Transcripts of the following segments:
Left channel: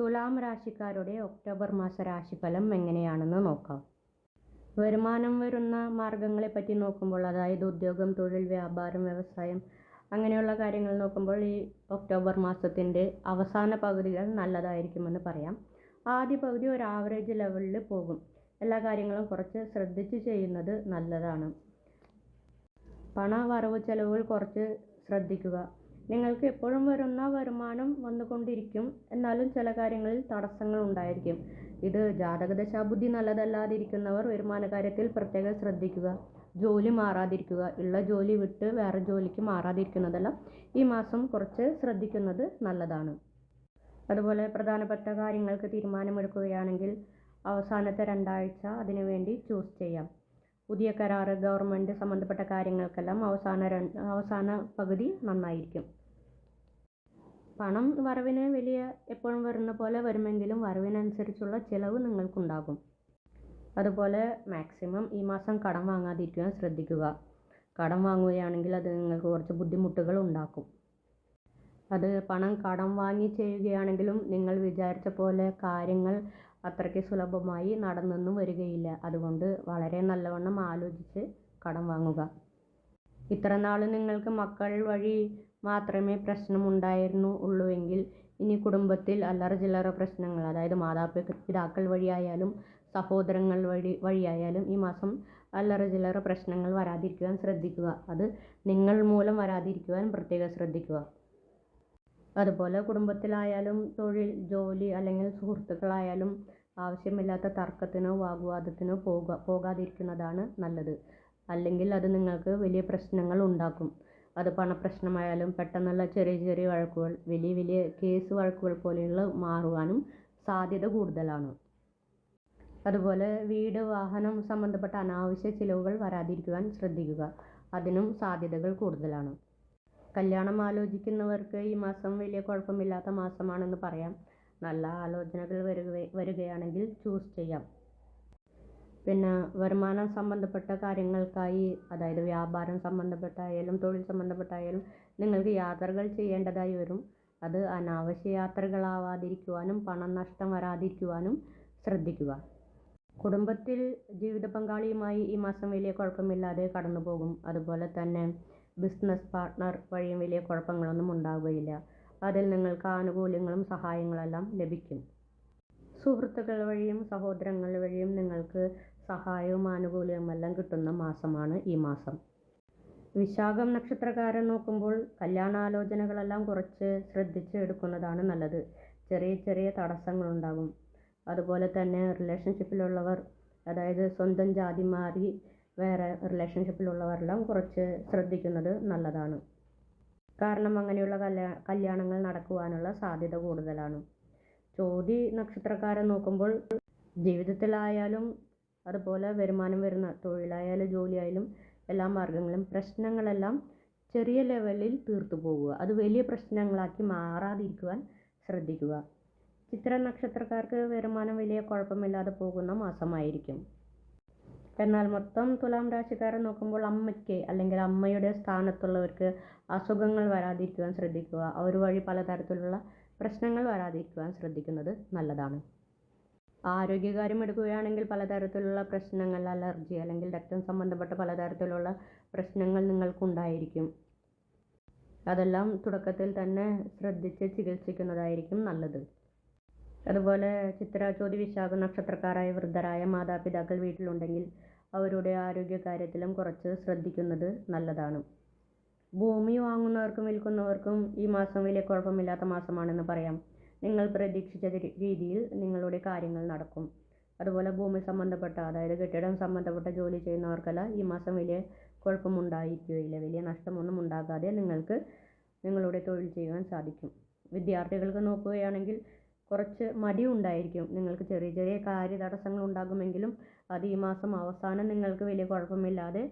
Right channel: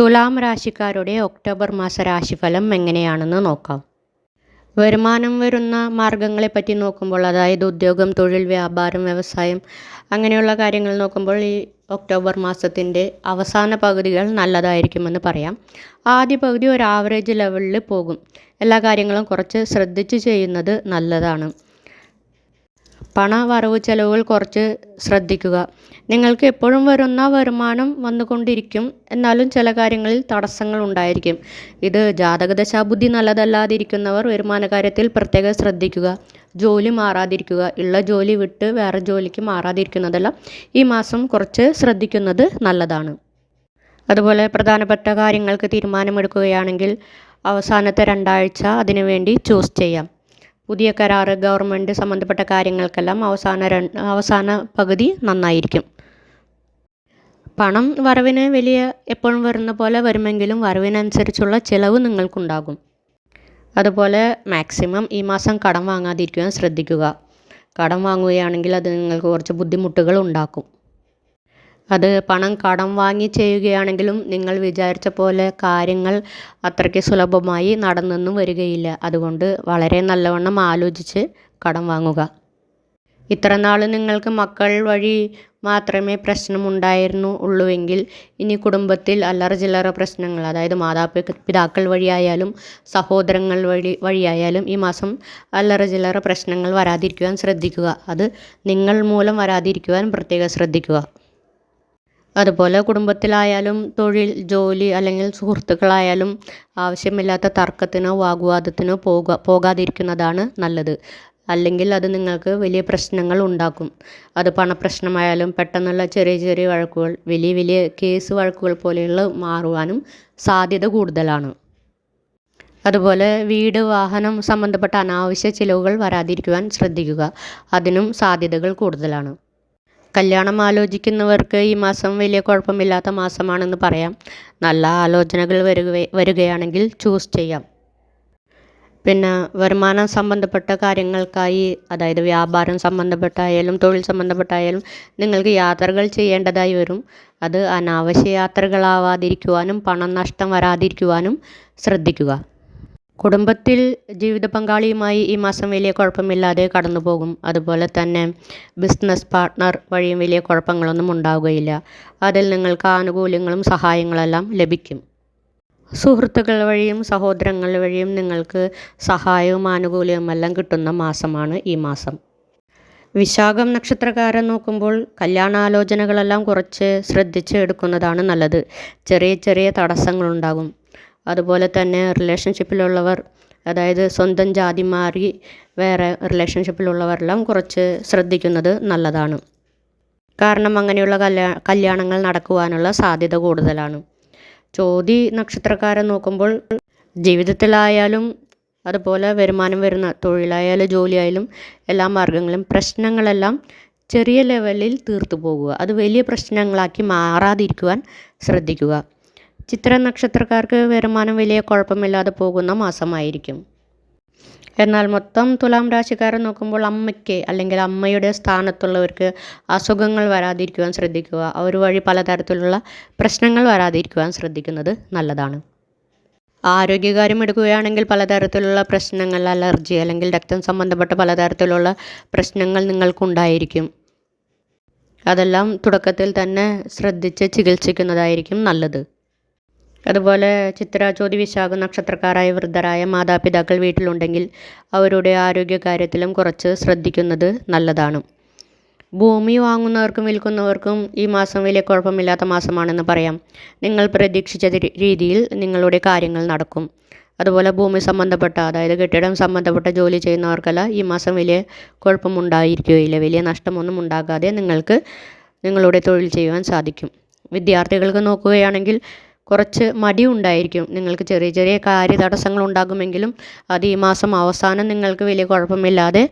തുലാം രാശിക്കാരുടെ October മാസ രാശിഫലം എങ്ങനെയാണെന്ന് നോക്കാം. വരുമാനം വരുന്ന മാർഗങ്ങളെപ്പറ്റി നോക്കുമ്പോൾ അതായത് ഉദ്യോഗം തൊഴിൽ വ്യാപാരം വ്യവസായം അങ്ങനെയുള്ള കാര്യങ്ങൾ നോക്കുമ്പോൾ ഈ ഒക്ടോബർ മാസത്തിന്റെ അവസാന പകുതികൾ നല്ലതായിരിക്കുമെന്ന് പറയാം. ആദ്യ പകുതി ഒരു ആവറേജ് ലെവലിൽ പോകും. എല്ലാ കാര്യങ്ങളും കുറച്ച് ശ്രദ്ധിച്ച് ചെയ്യുന്നത് നല്ലതാണ്. പണ വരവ് ചെലവുകൾ കുറച്ച് ശ്രദ്ധിക്കുക. നിങ്ങൾക്ക് എപ്പോഴും വരുന്ന വരുമാനം വന്നുകൊണ്ടിരിക്കും. എന്നാലും ചില കാര്യങ്ങളിൽ തടസ്സങ്ങൾ ഉണ്ടായിരിക്കും. ഇത് ജാതകദശാ ബുദ്ധി നല്ലതല്ലാതിരിക്കുന്നവർ വരുമാന കാര്യത്തിൽ പ്രത്യേകം ശ്രദ്ധിക്കുക. ജോലി മാറാതിരിക്കുക. ഉള്ള ജോലി വിട്ട് വേറെ ജോലിക്ക് മാറാതിരിക്കുന്നതെല്ലാം ഈ മാസം കുറച്ച് ശ്രദ്ധിക്കുന്നത് നല്ലതാണ്. അതുപോലെ പ്രധാനപ്പെട്ട കാര്യങ്ങൾക്ക് തീരുമാനമെടുക്കുകയാണെങ്കിൽ അവസാനത്തെ രണ്ടാഴ്ച അതിനുവേണ്ടി ചൂസ് ചെയ്യാം. പുതിയ കരാറ് ഗവൺമെന്റ് സംബന്ധപ്പെട്ട കാര്യങ്ങൾക്കെല്ലാം അവസാന അവസാന പകുതി നന്നായിരിക്കും. പണം വരവിന് വലിയ എപ്പോഴും വരുന്ന പോലെ വരുമെങ്കിലും വരവിനനുസരിച്ചുള്ള ചിലവ് നിങ്ങൾക്കുണ്ടാകും. അതുപോലെ മാക്സിമം ഈ മാസം കടം വാങ്ങാതിരിക്കുവാൻ ശ്രദ്ധിക്കുക. കടം വാങ്ങുകയാണെങ്കിൽ അത് നിങ്ങൾക്ക് കുറച്ച് ബുദ്ധിമുട്ടുകൾ ഉണ്ടാക്കും. അത് പണം കടം വാങ്ങി ചെയ്യുകയാണെങ്കിലും നിങ്ങൾ വിചാരിച്ച പോലെ കാര്യങ്ങൾ അത്രയ്ക്ക് സുലഭമായി നടന്നൊന്നും വരികയില്ല. അതുകൊണ്ട് വളരെ നല്ലവണ്ണം ആലോചിച്ച് കടം വാങ്ങുക. ഇത്ര നാൾ നിങ്ങൾക്ക് മക്കൾ വഴി മാത്രമേ പ്രശ്നമുണ്ടായിരുന്നു ഉള്ളുവെങ്കിൽ ഇനി കുടുംബത്തിൽ അല്ലറ ചില്ലറ പ്രശ്നങ്ങൾ അതായത് മാതാപിതാക്കൾ പിതാക്കൾ വഴിയായാലും സഹോദരങ്ങൾ വഴി വഴിയായാലും ഈ മാസം അല്ലറ ചില്ലറ പ്രശ്നങ്ങൾ വരാതിരിക്കുവാൻ ശ്രദ്ധിക്കുക. അത് നിങ്ങൾ മൂലം വരാതിരിക്കുവാൻ പ്രത്യേകം ശ്രദ്ധിക്കുക. അതുപോലെ കുടുംബത്തിലായാലും തൊഴിൽ ജോലി അല്ലെങ്കിൽ സുഹൃത്തുക്കളായാലും ആവശ്യമില്ലാത്ത തർക്കത്തിനോ വാഗ്വാദത്തിനോ പോക പോകാതിരിക്കുന്നതാണ് നല്ലത്. അല്ലെങ്കിൽ അത് നിങ്ങൾക്ക് വലിയ പ്രശ്നങ്ങൾ ഉണ്ടാക്കും. അത് പണപ്രശ്നമായാലും പെട്ടെന്നുള്ള ചെറിയ ചെറിയ വഴക്കുകൾ വലിയ വലിയ കേസ് വഴക്കുകൾ പോലെയുള്ള മാറുവാനും സാധ്യത കൂടുതലാണ്. അതുപോലെ വീട് വാഹനം സംബന്ധപ്പെട്ട അനാവശ്യ ചിലവുകൾ വരാതിരിക്കുവാൻ ശ്രദ്ധിക്കുക. അതിനും സാധ്യതകൾ കൂടുതലാണ്. കല്യാണം ആലോചിക്കുന്നവർക്ക് ഈ മാസം വലിയ കുഴപ്പമില്ലാത്ത മാസമാണെന്ന് പറയാം. നല്ല ആലോചനകൾ വരിക വരികയാണെങ്കിൽ ചൂസ് ചെയ്യാം. പിന്നെ വരുമാനം സംബന്ധപ്പെട്ട കാര്യങ്ങൾക്കായി അതായത് വ്യാപാരം സംബന്ധപ്പെട്ടായാലും തൊഴിൽ സംബന്ധപ്പെട്ടായാലും നിങ്ങൾക്ക് യാത്രകൾ ചെയ്യേണ്ടതായി വരും. അത് അനാവശ്യ യാത്രകളാവാതിരിക്കുവാനും പണം നഷ്ടം വരാതിരിക്കുവാനും ശ്രദ്ധിക്കുക. കുടുംബത്തിൽ ജീവിത പങ്കാളിയുമായി ഈ മാസം വലിയ കുഴപ്പമില്ലാതെ കടന്നു പോകും അതുപോലെ തന്നെ ബിസിനസ് പാർട്ട്ണർ വഴിയും വലിയ കുഴപ്പങ്ങളൊന്നും ഉണ്ടാവുകയില്ല. അതിൽ നിങ്ങൾക്ക് ആനുകൂല്യങ്ങളും സഹായങ്ങളെല്ലാം ലഭിക്കും. സുഹൃത്തുക്കൾ വഴിയും സഹോദരങ്ങൾ വഴിയും നിങ്ങൾക്ക് സഹായവും ആനുകൂല്യവും എല്ലാം കിട്ടുന്ന മാസമാണ് ഈ മാസം. വിശാഖം നക്ഷത്രകാരം നോക്കുമ്പോൾ കല്യാണാലോചനകളെല്ലാം കുറച്ച് ശ്രദ്ധിച്ച് എടുക്കുന്നതാണ് നല്ലത്. ചെറിയ ചെറിയ തടസ്സങ്ങളുണ്ടാകും. അതുപോലെ തന്നെ റിലേഷൻഷിപ്പിലുള്ളവർ അതായത് സ്വന്തം ജാതി മാറി വേറെ റിലേഷൻഷിപ്പിലുള്ളവരെല്ലാം കുറച്ച് ശ്രദ്ധിക്കുന്നത് നല്ലതാണ്. കാരണം അങ്ങനെയുള്ള കല്യാ കല്യാണങ്ങൾ നടക്കുവാനുള്ള സാധ്യത കൂടുതലാണ്. ചോതി നക്ഷത്രക്കാരെ നോക്കുമ്പോൾ ജീവിതത്തിലായാലും അതുപോലെ വരുമാനം വരുന്ന തൊഴിലായാലും ജോലിയായാലും എല്ലാ മാർഗങ്ങളും പ്രശ്നങ്ങളെല്ലാം ചെറിയ ലെവലിൽ തീർത്തു പോകുക അത് വലിയ പ്രശ്നങ്ങളാക്കി മാറാതിരിക്കുവാൻ ശ്രദ്ധിക്കുക. ചിത്ര നക്ഷത്രക്കാർക്ക് വരുമാനം വലിയ കുഴപ്പമില്ലാതെ പോകുന്ന മാസമായിരിക്കും. എന്നാൽ മൊത്തം തുലാം രാശിക്കാരെ നോക്കുമ്പോൾ അമ്മയ്ക്ക് അല്ലെങ്കിൽ അമ്മയുടെ സ്ഥാനത്തുള്ളവർക്ക് അസുഖങ്ങൾ വരാതിരിക്കുവാൻ ശ്രദ്ധിക്കുക. അവർ വഴി പലതരത്തിലുള്ള പ്രശ്നങ്ങൾ വരാതിരിക്കുവാൻ ശ്രദ്ധിക്കുന്നത് നല്ലതാണ്. ആരോഗ്യകാര്യം എടുക്കുകയാണെങ്കിൽ പലതരത്തിലുള്ള പ്രശ്നങ്ങൾ അലർജി അല്ലെങ്കിൽ രക്തം സംബന്ധപ്പെട്ട പലതരത്തിലുള്ള പ്രശ്നങ്ങൾ നിങ്ങൾക്കുണ്ടായിരിക്കും. അതെല്ലാം തുടക്കത്തിൽ തന്നെ ശ്രദ്ധിച്ച് ചികിത്സിക്കുന്നതായിരിക്കും നല്ലത്. അതുപോലെ ചിത്ര ചോതി വിശാഖ നക്ഷത്രക്കാരായ വൃദ്ധരായ മാതാപിതാക്കൾ വീട്ടിലുണ്ടെങ്കിൽ അവരുടെ ആരോഗ്യകാര്യത്തിലും കുറച്ച് ശ്രദ്ധിക്കുന്നത് നല്ലതാണ്. ഭൂമി വാങ്ങുന്നവർക്കും വിൽക്കുന്നവർക്കും ഈ മാസം വലിയ കുഴപ്പമില്ലാത്ത മാസമാണെന്ന് പറയാം. നിങ്ങൾ പ്രതീക്ഷിച്ച രീതിയിൽ നിങ്ങളുടെ കാര്യങ്ങൾ നടക്കും. അതുപോലെ ഭൂമി സംബന്ധപ്പെട്ട അതായത് കെട്ടിടം സംബന്ധപ്പെട്ട ജോലി ചെയ്യുന്നവർക്കെല്ലാം ഈ മാസം വലിയ കുഴപ്പമുണ്ടായിരിക്കുകയില്ല. വലിയ നഷ്ടമൊന്നും ഉണ്ടാകാതെ നിങ്ങൾക്ക് നിങ്ങളുടെ തൊഴിൽ ചെയ്യുവാൻ സാധിക്കും. വിദ്യാർത്ഥികൾക്ക് നോക്കുകയാണെങ്കിൽ കുറച്ച് മടി ഉണ്ടായിരിക്കും നിങ്ങൾക്ക് ചെറിയ ചെറിയ കാര്യ തടസ്സങ്ങൾ ഉണ്ടാകുമെങ്കിലും അത് ഈ മാസം അവസാനം നിങ്ങൾക്ക് വലിയ കുഴപ്പമില്ലാതെ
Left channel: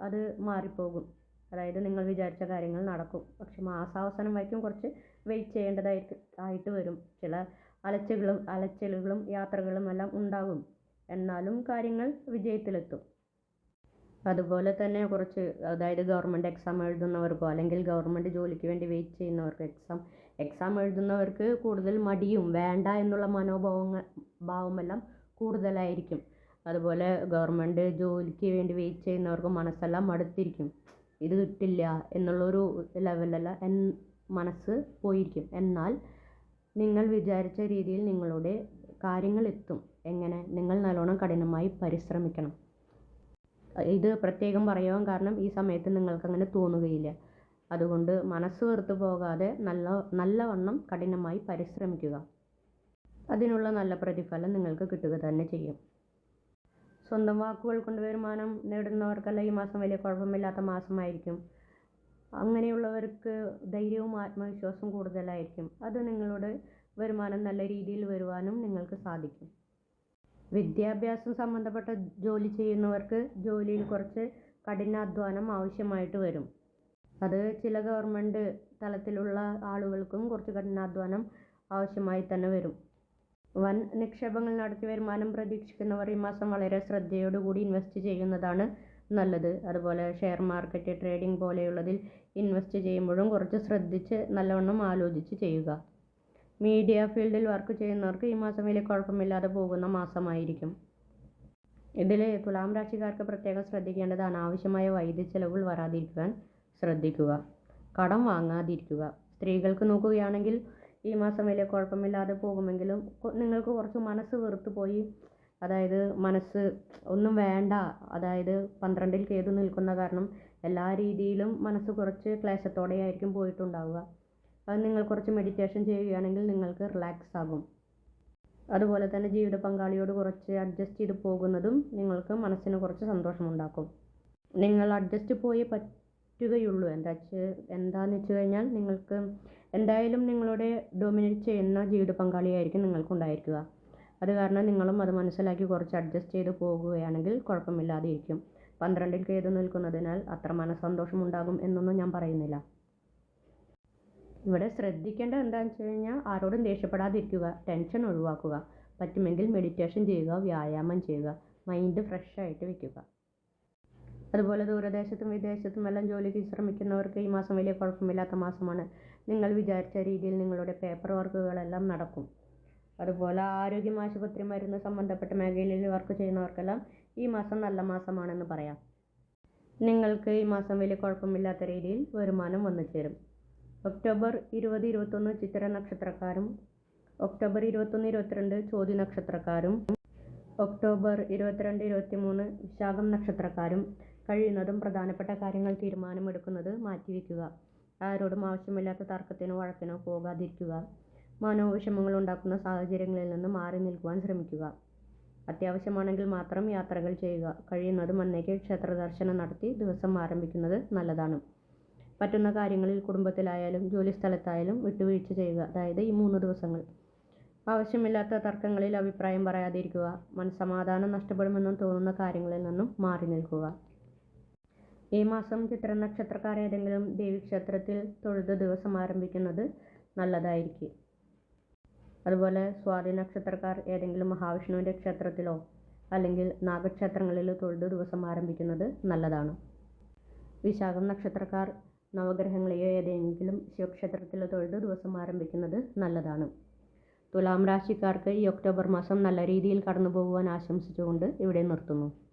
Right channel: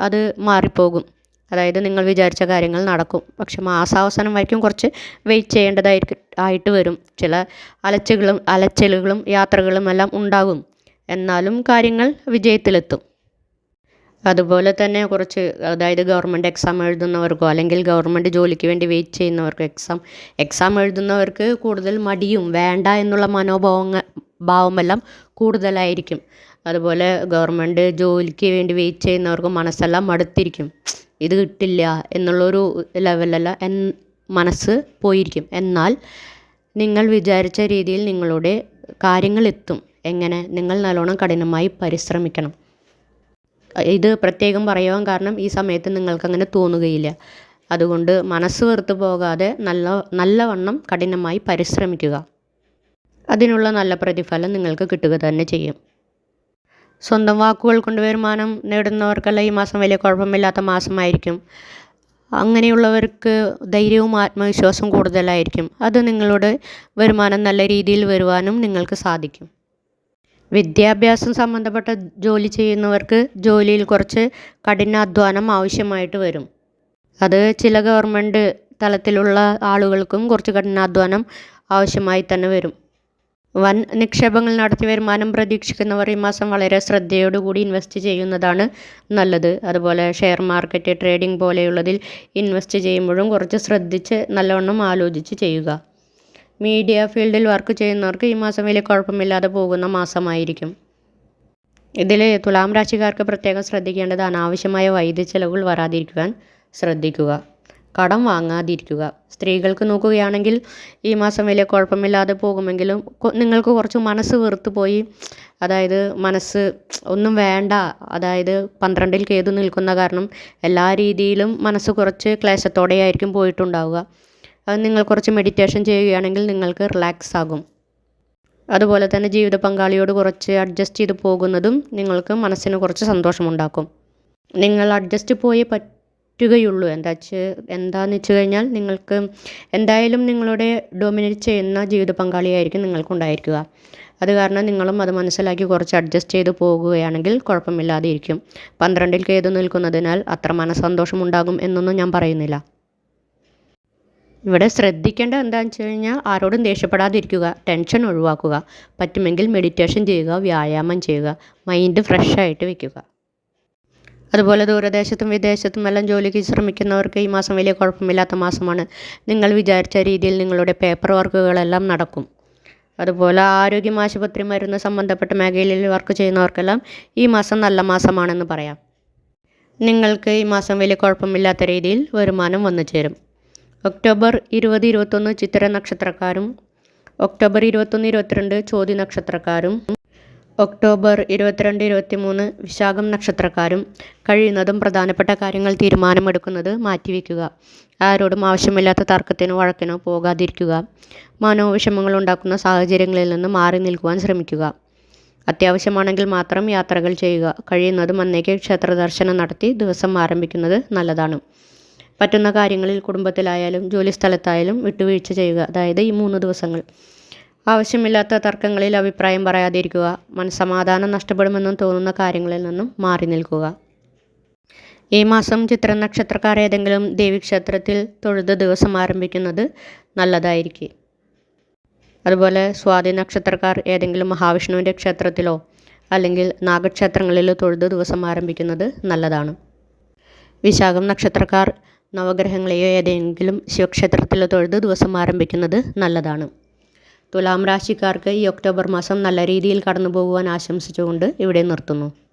അത് മാറിപ്പോകും. അതായത് നിങ്ങൾ വിചാരിച്ച കാര്യങ്ങൾ നടക്കും. പക്ഷെ മാസാവസാനം വരയ്ക്കും കുറച്ച് വെയിറ്റ് ചെയ്യേണ്ടതായിരിക്കും ആയിട്ട് വരും. ചില അലച്ചുകളും അലച്ചിലുകളും യാത്രകളും എല്ലാം ഉണ്ടാകും. എന്നാലും കാര്യങ്ങൾ വിജയത്തിലെത്തും. അതുപോലെ തന്നെ കുറച്ച് അതായത് ഗവൺമെന്റ് എക്സാം എഴുതുന്നവർക്കോ അല്ലെങ്കിൽ ഗവൺമെന്റ് ജോലിക്ക് വേണ്ടി വെയിറ്റ് ചെയ്യുന്നവർക്കോ എക്സാം എക്സാം എഴുതുന്നവർക്ക് കൂടുതൽ മടിയും വേണ്ട എന്നുള്ള മനോഭാവങ്ങൾ ഭാവമെല്ലാം കൂടുതലായിരിക്കും. അതുപോലെ ഗവൺമെന്റ് ജോലിക്ക് വേണ്ടി വെയിറ്റ് ചെയ്യുന്നവർക്ക് മനസ്സെല്ലാം മടുത്തിരിക്കും. ഇത് കിട്ടില്ല എന്നുള്ളൊരു ലെവലല്ല എൻ മനസ്സ് പോയിരിക്കും. എന്നാൽ നിങ്ങൾ വിചാരിച്ച രീതിയിൽ നിങ്ങളുടെ കാര്യങ്ങൾ എത്തും. എങ്ങനെ? നിങ്ങൾ നല്ലോണം കഠിനമായി പരിശ്രമിക്കണം. ഇത് പ്രത്യേകം പറയുവാൻ കാരണം ഈ സമയത്ത് നിങ്ങൾക്ക് അങ്ങനെ തോന്നുകയില്ല. അതുകൊണ്ട് മനസ്സ് വെറുത്ത് പോകാതെ നല്ല നല്ലവണ്ണം കഠിനമായി പരിശ്രമിക്കുക. അതിനുള്ള നല്ല പ്രതിഫലം നിങ്ങൾക്ക് കിട്ടുക തന്നെ ചെയ്യും. സ്വന്തം വാക്കുകൾ കൊണ്ട് വരുമാനം നേടുന്നവർക്കെല്ലാം ഈ മാസം വലിയ കുഴപ്പമില്ലാത്ത മാസമായിരിക്കും. അങ്ങനെയുള്ളവർക്ക് ധൈര്യവും ആത്മവിശ്വാസവും കൂടുതലായിരിക്കും. അത് നിങ്ങളുടെ വരുമാനം നല്ല രീതിയിൽ വരുവാനും നിങ്ങൾക്ക് സാധിക്കും. വിദ്യാഭ്യാസം സംബന്ധപ്പെട്ട ജോലി ചെയ്യുന്നവർക്ക് ജോലിയിൽ കുറച്ച് കഠിനാധ്വാനം ആവശ്യമായിട്ട് വരും. അത് ചില ഗവൺമെന്റ് തലത്തിലുള്ള ആളുകൾക്കും കുറച്ച് കഠിനാധ്വാനം ആവശ്യമായി തന്നെ വരും. വൻ നിക്ഷേപങ്ങൾ നടത്തി വരുമാനം പ്രതീക്ഷിക്കുന്നവർ ഈ മാസം വളരെ ശ്രദ്ധയോടുകൂടി ഇൻവെസ്റ്റ് ചെയ്യുന്നതാണ് നല്ലത്. അതുപോലെ ഷെയർ മാർക്കറ്റ് ട്രേഡിംഗ് പോലെയുള്ളതിൽ ഇൻവെസ്റ്റ് ചെയ്യുമ്പോഴും കുറച്ച് ശ്രദ്ധിച്ച് നല്ലവണ്ണം ആലോചിച്ച് ചെയ്യുക. മീഡിയ ഫീൽഡിൽ വർക്ക് ചെയ്യുന്നവർക്ക് ഈ മാസം വലിയ കുഴപ്പമില്ലാതെ പോകുന്ന മാസമായിരിക്കും. ഇതിൽ തുലാം രാശിക്കാർക്ക് പ്രത്യേകം ശ്രദ്ധിക്കേണ്ടത് അനാവശ്യമായ വൈദ്യ ചെലവുകൾ വരാതിരിക്കുവാൻ ശ്രദ്ധിക്കുക. കടം വാങ്ങാതിരിക്കുക. സ്ത്രീകൾക്ക് നോക്കുകയാണെങ്കിൽ ഈ മാസം വലിയ കുഴപ്പമില്ലാതെ പോകുമെങ്കിലും നിങ്ങൾക്ക് കുറച്ച് മനസ്സ് വെറുത്ത് പോയി അതായത് മനസ്സ് ഒന്നും വേണ്ട അതായത് പന്ത്രണ്ടിൽ കേതു നിൽക്കുന്ന കാരണം എല്ലാ രീതിയിലും മനസ്സ് കുറച്ച് ക്ലേശത്തോടെയായിരിക്കും പോയിട്ടുണ്ടാവുക. നിങ്ങൾ കുറച്ച് മെഡിറ്റേഷൻ ചെയ്യുകയാണെങ്കിൽ നിങ്ങൾക്ക് റിലാക്സ് ആകും. അതുപോലെ തന്നെ ജീവിത പങ്കാളിയോട് കുറച്ച് അഡ്ജസ്റ്റ് ചെയ്ത് പോകുന്നതും നിങ്ങൾക്ക് മനസ്സിന് കുറച്ച് സന്തോഷമുണ്ടാക്കും. നിങ്ങൾ അഡ്ജസ്റ്റ് പോയി പറ്റുകയുള്ളൂ. എന്താ വെച്ച് വെച്ച് കഴിഞ്ഞാൽ നിങ്ങൾക്ക് എന്തായാലും നിങ്ങളുടെ ഡൊമിനേറ്റ് ചെയ്യുന്ന ജീവിത പങ്കാളിയായിരിക്കും നിങ്ങൾക്കുണ്ടായിരിക്കുക അത് കാരണം നിങ്ങളും അത് മനസ്സിലാക്കി കുറച്ച് അഡ്ജസ്റ്റ് ചെയ്ത് പോകുകയാണെങ്കിൽ കുഴപ്പമില്ലാതെ ഇരിക്കും. പന്ത്രണ്ടിൽ കേതു നിൽക്കുന്നതിനാൽ അത്ര മനസ്സന്തോഷം ഉണ്ടാകും എന്നൊന്നും ഞാൻ പറയുന്നില്ല. ഇവിടെ ശ്രദ്ധിക്കേണ്ടത് എന്താണെന്ന് വെച്ച് കഴിഞ്ഞാൽ ആരോടും ദേഷ്യപ്പെടാതിരിക്കുക ടെൻഷൻ ഒഴിവാക്കുക പറ്റുമെങ്കിൽ മെഡിറ്റേഷൻ ചെയ്യുക വ്യായാമം ചെയ്യുക മൈൻഡ് ഫ്രഷ് ആയിട്ട് വെക്കുക. അതുപോലെ ദൂരദേശത്തും വിദേശത്തും എല്ലാം ജോലിക്ക് ശ്രമിക്കുന്നവർക്ക് ഈ മാസം വലിയ കുഴപ്പമില്ലാത്ത മാസമാണ്. നിങ്ങൾ വിചാരിച്ച രീതിയിൽ നിങ്ങളുടെ പേപ്പർ വർക്കുകളെല്ലാം നടക്കും. അതുപോലെ ആരോഗ്യം ആശുപത്രി മരുന്ന് സംബന്ധപ്പെട്ട മേഖലയിൽ വർക്ക് ചെയ്യുന്നവർക്കെല്ലാം ഈ മാസം നല്ല മാസമാണെന്ന് പറയാം. നിങ്ങൾക്ക് ഈ മാസം വലിയ കുഴപ്പമില്ലാത്ത രീതിയിൽ വരുമാനം വന്നു ചേരും ഒക്ടോബർ ഇരുപത് ഇരുപത്തൊന്ന് ചിത്തിര നക്ഷത്രക്കാരും ഒക്ടോബർ ഇരുപത്തൊന്ന് ഇരുപത്തിരണ്ട് ചോതി നക്ഷത്രക്കാരും ഒക്ടോബർ ഇരുപത്തിരണ്ട് ഇരുപത്തി മൂന്ന് വിശാഖം നക്ഷത്രക്കാരും കഴിയുന്നതും പ്രധാനപ്പെട്ട കാര്യങ്ങൾ തീരുമാനമെടുക്കുന്നത് മാറ്റിവെക്കുക. ആരോടും ആവശ്യമില്ലാത്ത തർക്കത്തിനോ വഴക്കിനോ പോകാതിരിക്കുക. മനോവിഷമങ്ങൾ ഉണ്ടാക്കുന്ന സാഹചര്യങ്ങളിൽ നിന്ന് മാറി നിൽക്കുവാൻ ശ്രമിക്കുക. അത്യാവശ്യമാണെങ്കിൽ മാത്രം യാത്രകൾ ചെയ്യുക. കഴിയുന്നതും അന്നേക്ക് ക്ഷേത്ര ദർശനം നടത്തി ദിവസം ആരംഭിക്കുന്നത് നല്ലതാണ്. പറ്റുന്ന കാര്യങ്ങളിൽ കുടുംബത്തിലായാലും ജോലി സ്ഥലത്തായാലും വിട്ടുവീഴ്ച ചെയ്യുക. അതായത് ഈ മൂന്ന് ദിവസങ്ങൾ. ആവശ്യമില്ലാത്ത തർക്കങ്ങളിൽ അഭിപ്രായം പറയാതിരിക്കുക. മനസ്സമാധാനം നഷ്ടപ്പെടുമെന്നും തോന്നുന്ന കാര്യങ്ങളിൽ നിന്നും മാറി നിൽക്കുക. ഈ മാസം ചിത്ര നക്ഷത്രക്കാർ ഏതെങ്കിലും ദേവീക്ഷേത്രത്തിൽ തൊഴുത് ദിവസം ആരംഭിക്കുന്നത് നല്ലതായിരിക്കും. അതുപോലെ സ്വാതി നക്ഷത്രക്കാർ ഏതെങ്കിലും മഹാവിഷ്ണുവിന്റെ ക്ഷേത്രത്തിലോ അല്ലെങ്കിൽ നാഗക്ഷേത്രങ്ങളിലോ തൊഴുത് ദിവസം ആരംഭിക്കുന്നത് നല്ലതാണ്. വിശാഖം നക്ഷത്രക്കാർ നവഗ്രഹങ്ങളെയോ ഏതെങ്കിലും ശിവക്ഷേത്രത്തിൽ തൊഴുത് ദിവസം ആരംഭിക്കുന്നത് നല്ലതാണ്. തുലാം രാശിക്കാർക്ക് ഈ ഒക്ടോബർ മാസം നല്ല രീതിയിൽ കടന്നു പോകുവാൻ ആശംസിച്ചുകൊണ്ട് ഇവിടെ നിർത്തുന്നു.